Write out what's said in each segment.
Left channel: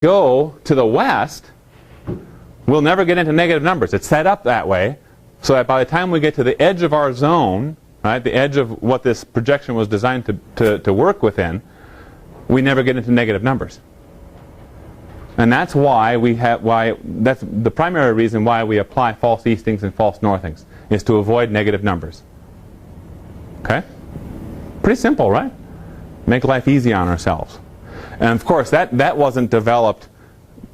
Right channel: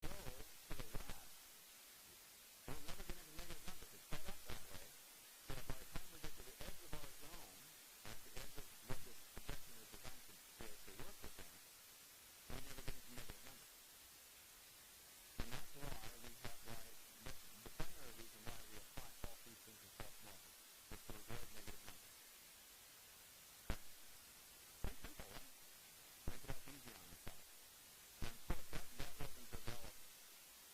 go to the west, we'll never get into negative numbers. It's set up that way so that by the time we get to the edge of our zone, right, the edge of what this projection was designed to work within, we never get into negative numbers. And that's why that's the primary reason why we apply false eastings and false northings, is to avoid negative numbers. Okay? Pretty simple, right? Make life easy on ourselves. And of course, that wasn't developed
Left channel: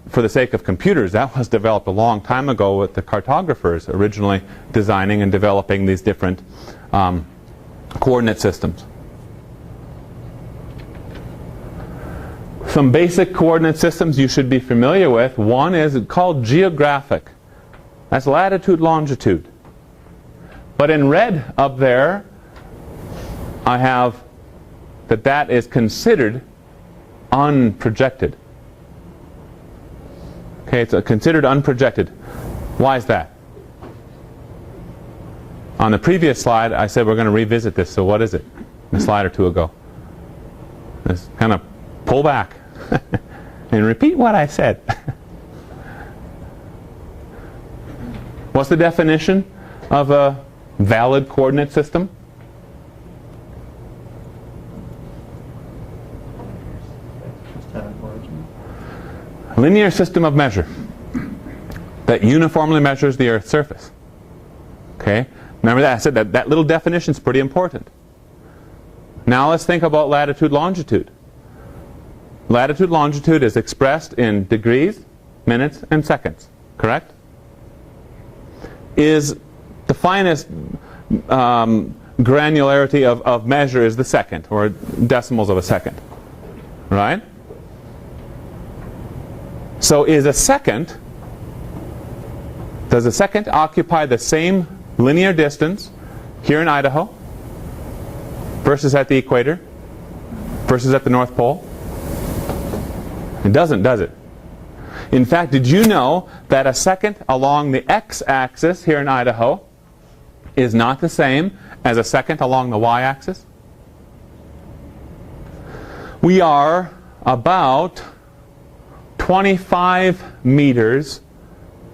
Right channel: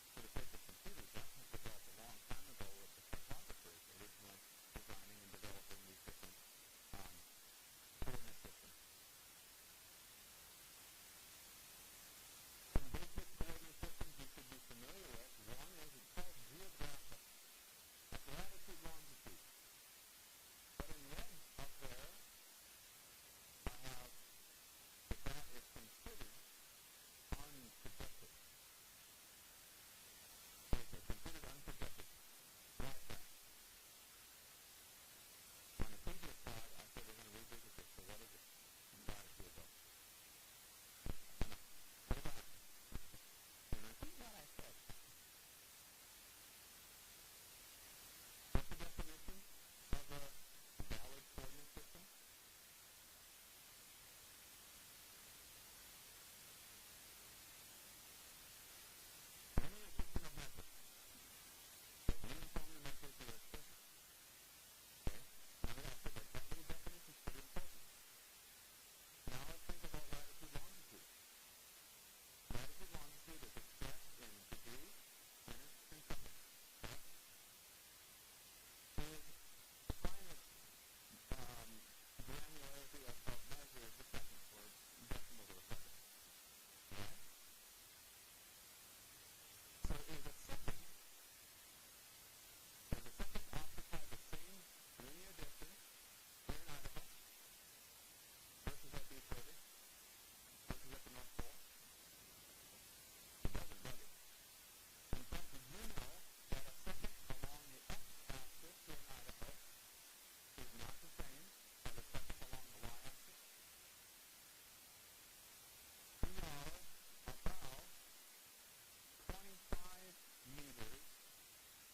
for the sake of computers. That was developed a long time ago with the cartographers originally designing and developing these different coordinate systems. Some basic coordinate systems you should be familiar with. One is called geographic. That's latitude, longitude. But in red up there, I have that is considered unprojected. Okay, it's considered unprojected. Why is that? On the previous slide, I said we're going to revisit this. So what is it? A slide or two ago. Let's kind of pull back and repeat what I said. What's the definition of a valid coordinate system? A linear system of measure that uniformly measures the Earth's surface. Okay? Remember that? I said that little definition is pretty important. Now let's think about latitude, longitude. Latitude, longitude is expressed in degrees, minutes, and seconds. Correct? Is the finest granularity of measure is the second, or decimals of a second. Right? So does a second occupy the same linear distance here in Idaho versus at the equator versus at the North Pole? It doesn't, does it? In fact, did you know that a second along the x-axis here in Idaho is not the same as a second along the y-axis? We are about 25 meters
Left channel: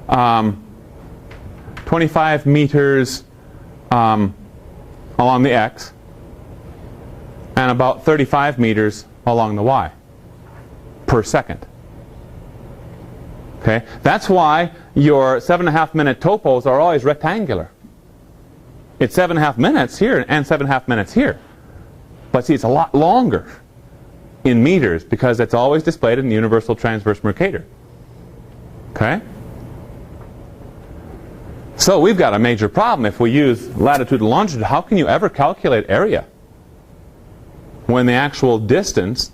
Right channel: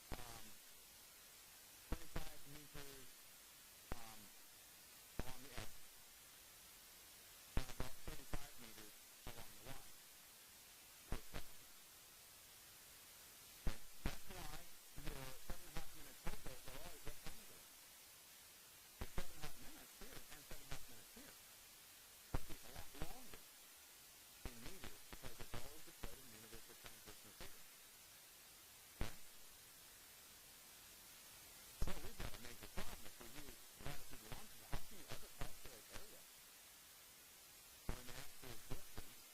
along the x and about 35 meters along the y per second. Okay? That's why your 7.5 minute topos are always rectangular. It's 7.5 minutes here and 7.5 minutes here. But see, it's a lot longer in meters because it's always displayed in the universal transverse Mercator. Okay? So we've got a major problem if we use latitude and longitude. How can you ever calculate area when the actual distance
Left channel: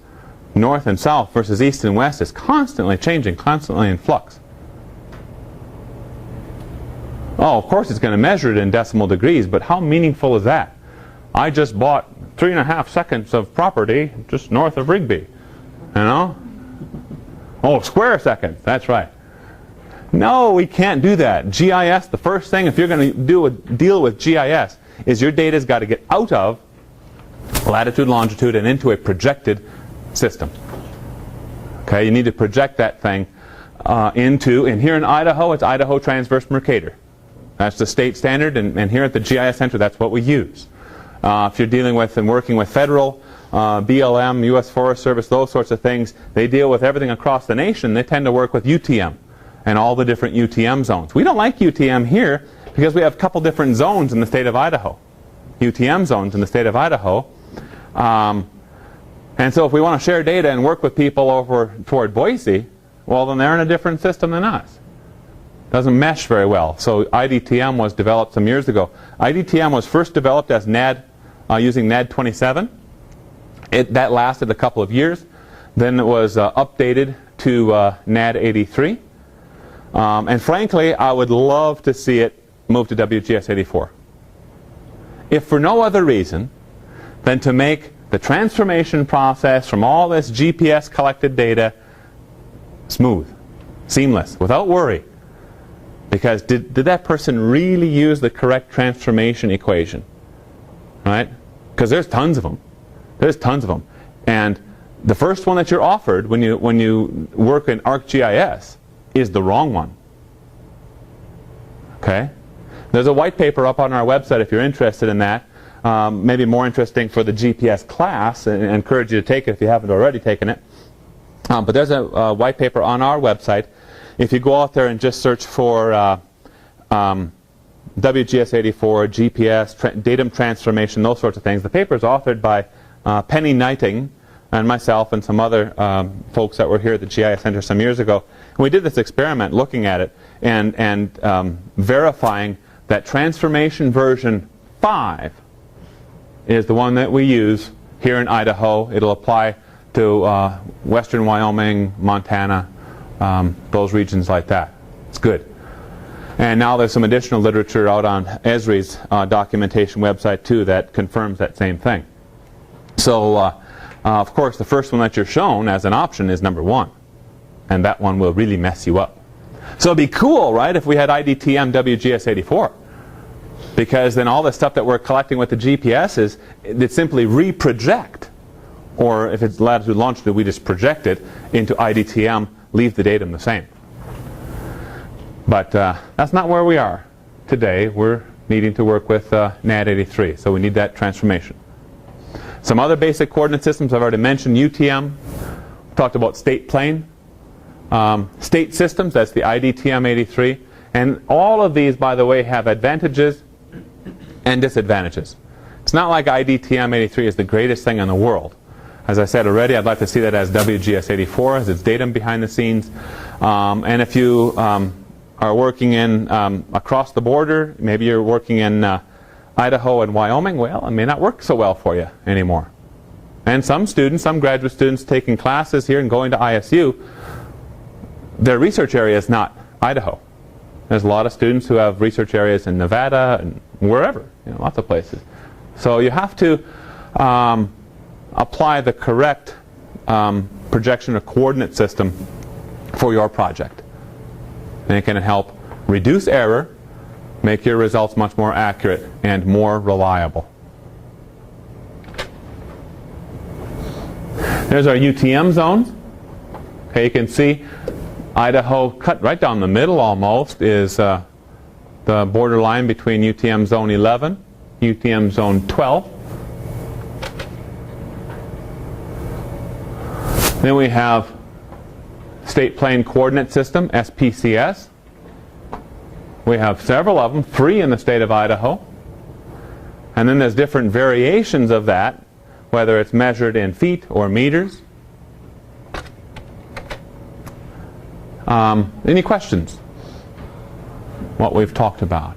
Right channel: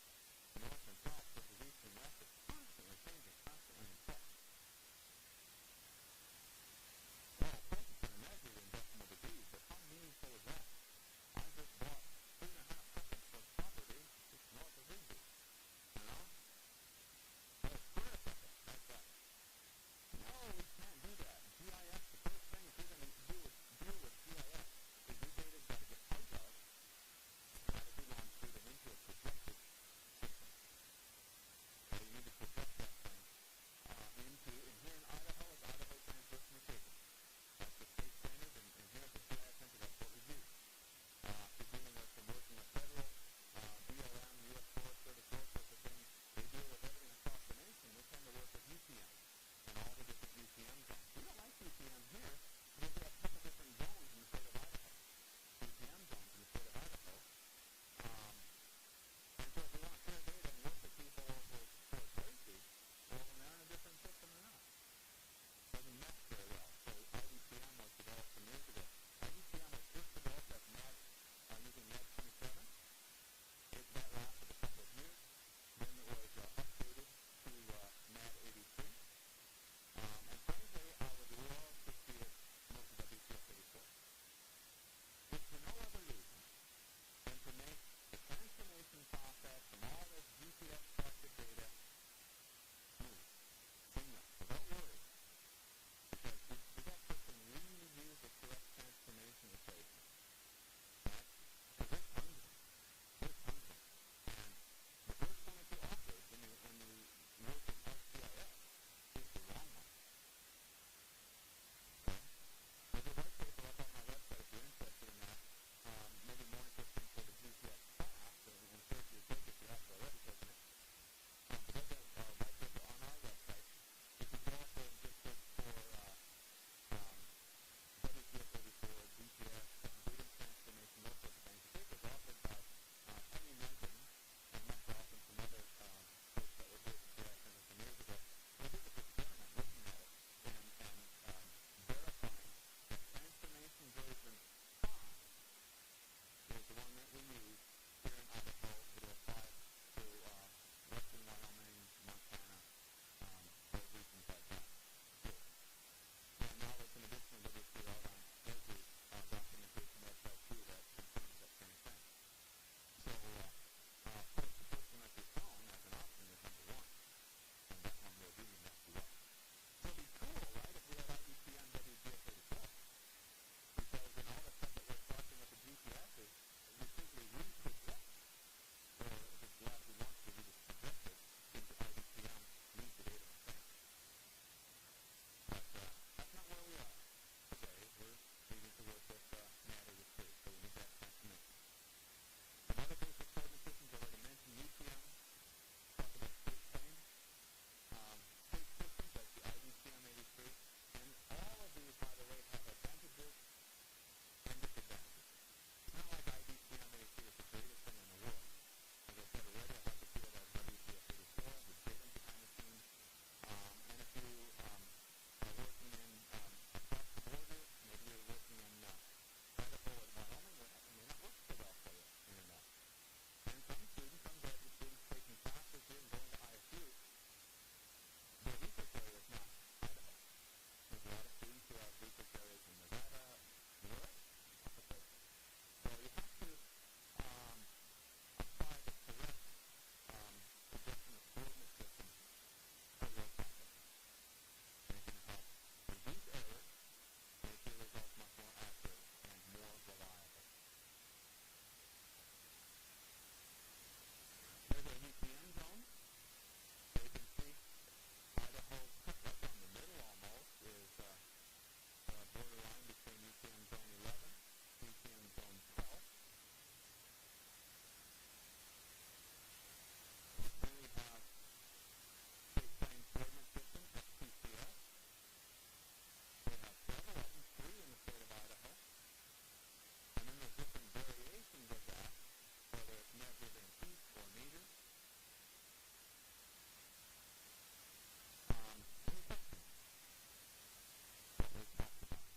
north and south versus east and west is constantly changing, constantly in flux? Oh, of course it's going to measure it in decimal degrees, but how meaningful is that? I just bought 3.5 seconds of property just north of Rigby. You know? Oh, square seconds. That's right. No, we can't do that. GIS, the first thing, if you're going to deal with GIS, is your data's got to get out of latitude, longitude, and into a projected system. Okay, you need to project that thing and here in Idaho, it's Idaho Transverse Mercator. That's the state standard, and here at the GIS Center, that's what we use. If you're dealing with and working with federal, BLM, U.S. Forest Service, those sorts of things, they deal with everything across the nation. They tend to work with UTM and all the different UTM zones. We don't like UTM here because we have a couple different zones in the state of Idaho. UTM zones in the state of Idaho. And so if we want to share data and work with people over toward Boise, well, then they're in a different system than us. Doesn't mesh very well. So IDTM was developed some years ago. IDTM was first developed as NAD, using NAD 27. That lasted a couple of years. Then it was updated to NAD 83. And frankly, I would love to see it move to WGS 84. If for no other reason than to make the transformation process from all this GPS collected data smooth, seamless, without worry. Because did that person really use the correct transformation equation? Right? Because there's tons of them. There's tons of them. And the first one that you're offered when you work in ArcGIS is the wrong one. Okay? There's a white paper up on our website if you're interested in that. Maybe more interesting for the GPS class, and I encourage you to take it if you haven't already taken it. But there's a white paper on our website. If you go out there and just search for WGS84, GPS, datum transformation, those sorts of things, the paper is authored by Penny Knighting and myself and some other folks that were here at the GIS Center some years ago. And we did this experiment looking at it and verifying that transformation version 5 is the one that we use here in Idaho. It'll apply to western Wyoming, Montana, those regions like that. It's good. And now there's some additional literature out on Esri's documentation website too that confirms that same thing. So of course the first one that you're shown as an option is number 1, and that one will really mess you up. So it'd be cool, right, if we had IDTM WGS84, because then all the stuff that we're collecting with the GPS is it simply reproject, or if it's latitude longitude we just project it into IDTM, leave the datum the same. But that's not where we are today. We're needing to work with NAD83, so we need that transformation. Some other basic coordinate systems I've already mentioned. UTM, talked about state plane. State systems, that's the IDTM83. And all of these, by the way, have advantages and disadvantages. It's not like IDTM83 is the greatest thing in the world. As I said already, I'd like to see that as WGS84, as its datum behind the scenes. And if you are working in across the border, maybe you're working in Idaho and Wyoming, well, it may not work so well for you anymore. And some students, some graduate students taking classes here and going to ISU, their research area is not Idaho. There's a lot of students who have research areas in Nevada and wherever, lots of places. So you have to apply the correct projection or coordinate system for your project. And it can help reduce error, make your results much more accurate and more reliable. There's our UTM zones. Okay, you can see Idaho, cut right down the middle almost, is the border line between UTM zone 11, UTM zone 12. Then we have State Plane Coordinate System, SPCS. We have several of them, 3 in the state of Idaho. And then there's different variations of that, whether it's measured in feet or meters. Any questions? What we've talked about?